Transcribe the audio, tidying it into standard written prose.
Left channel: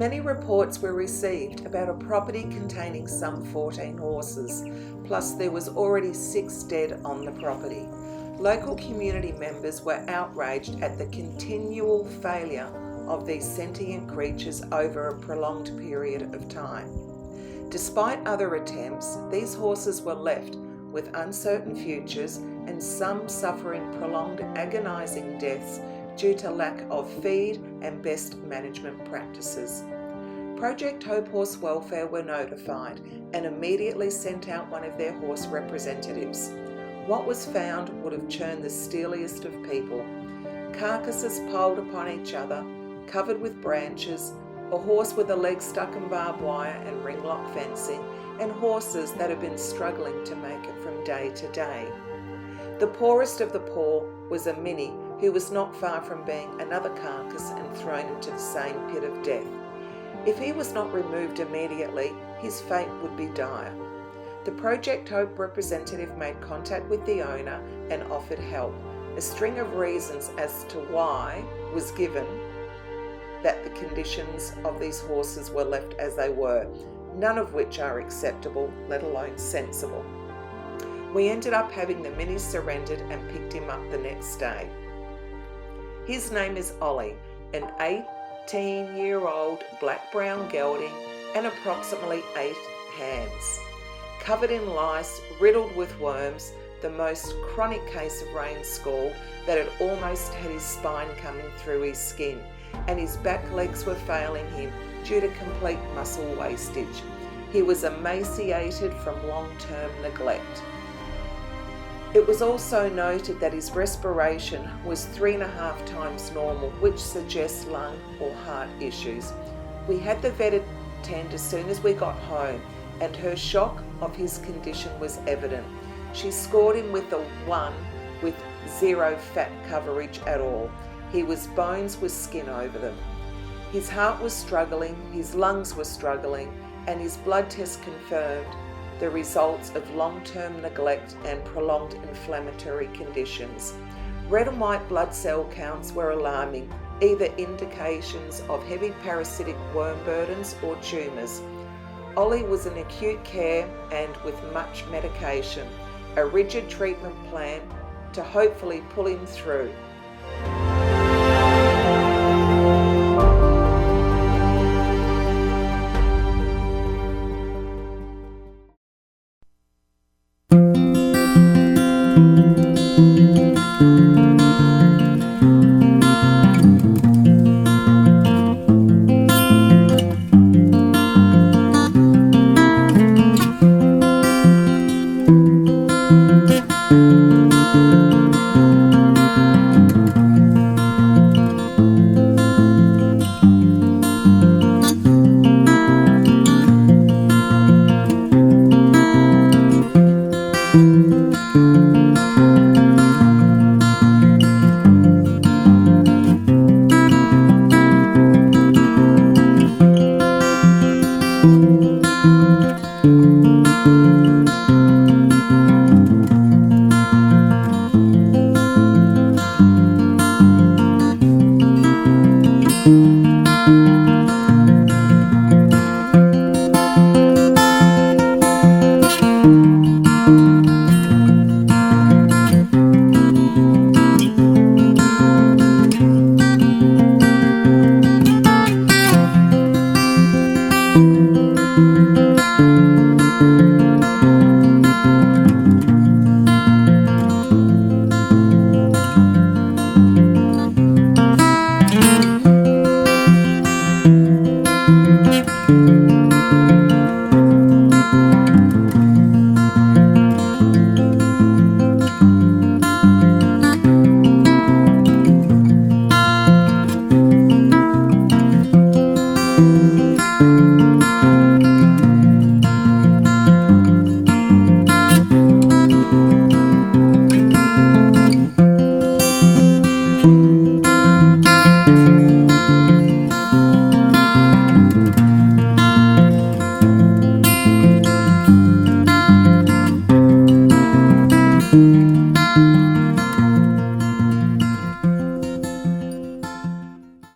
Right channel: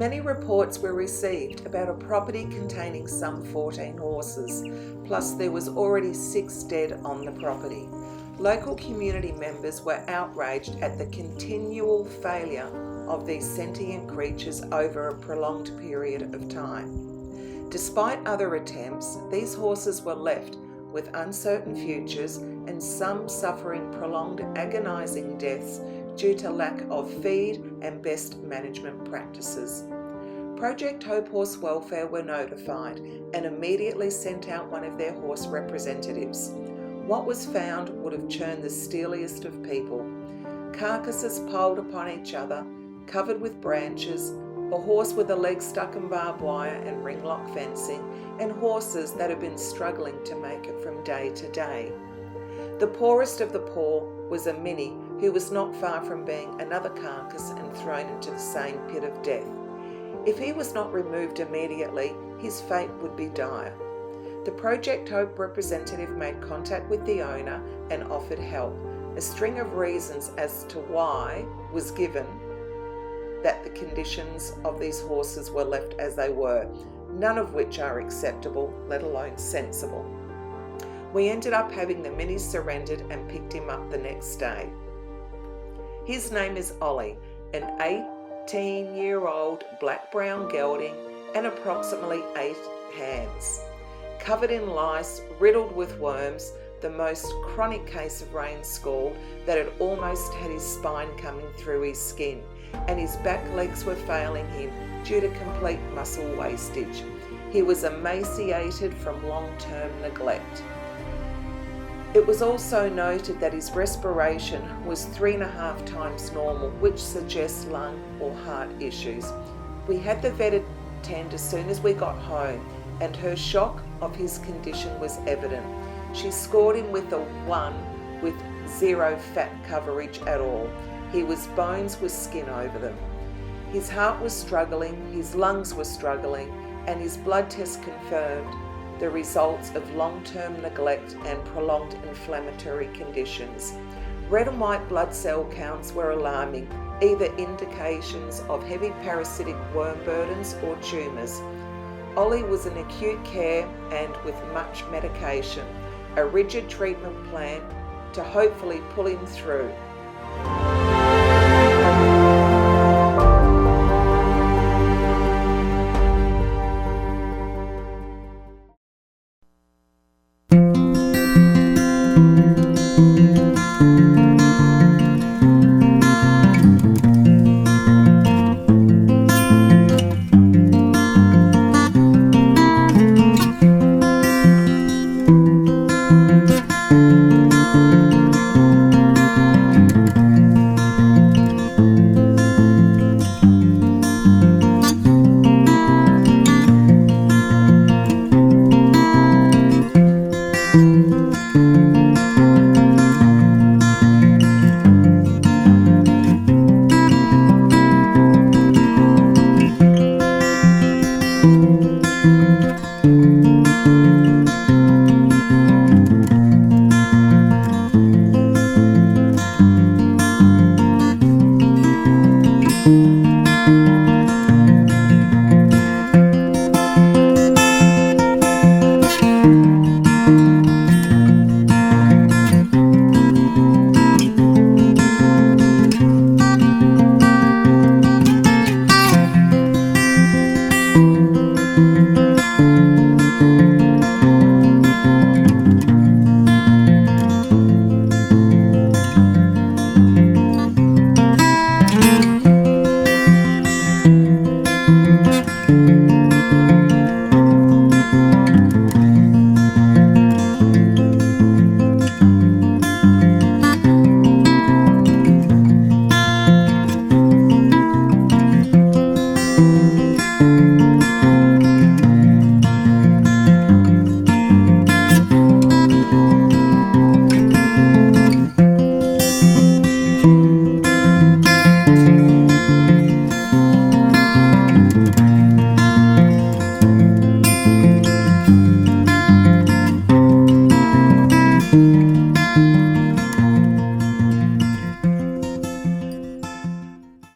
Many reports were received about a property containing some 14 horses, plus there was already 6 dead on the property. Local community members were outraged at the continual failure of these sentient creatures over a prolonged period of time. Despite other attempts, these horses were left with uncertain futures and some suffering prolonged agonising deaths due to lack of feed and best management practices. Project Hope Horse Welfare were notified and immediately sent out one of their horse representatives. What was found would have churned the steeliest of people. Carcasses piled upon each other, covered with branches, a horse with a leg stuck in barbed wire and ring lock fencing, and horses that had been struggling to make it from day to day. The poorest of the poor was a mini who was not far from being another carcass and thrown into the same pit of death. If he was not removed immediately, his fate would be dire. The Project Hope representative made contact with the owner and offered help. A string of reasons as to why was given that the conditions of these horses were left as they were, none of which are acceptable, let alone sensible. We ended up having the mini surrendered and picked him up the next day. His name is Ollie, an 18-year-old black-brown gelding and approximately 8 hands. Covered in lice, riddled with worms, the most chronic case of rain scald that had almost had his spine coming through his skin, and his back legs were failing him due to complete muscle wastage. He was emaciated from long-term neglect. It was also noted that his respiration was 3.5 times normal, which suggests lung or heart issues. We had the vet attend as soon as we got home, and her shock of his condition was evident. She scored him with a 1 with 0 fat coverage at all. He was bones with skin over them. His heart was struggling, his lungs were struggling, and his blood test confirmed the results of long-term neglect and prolonged inflammatory conditions. Red and white blood cell counts were alarming, either indications of heavy parasitic worm burdens or tumours. Ollie was in acute care and with much medication, a rigid treatment plan to hopefully pull him through.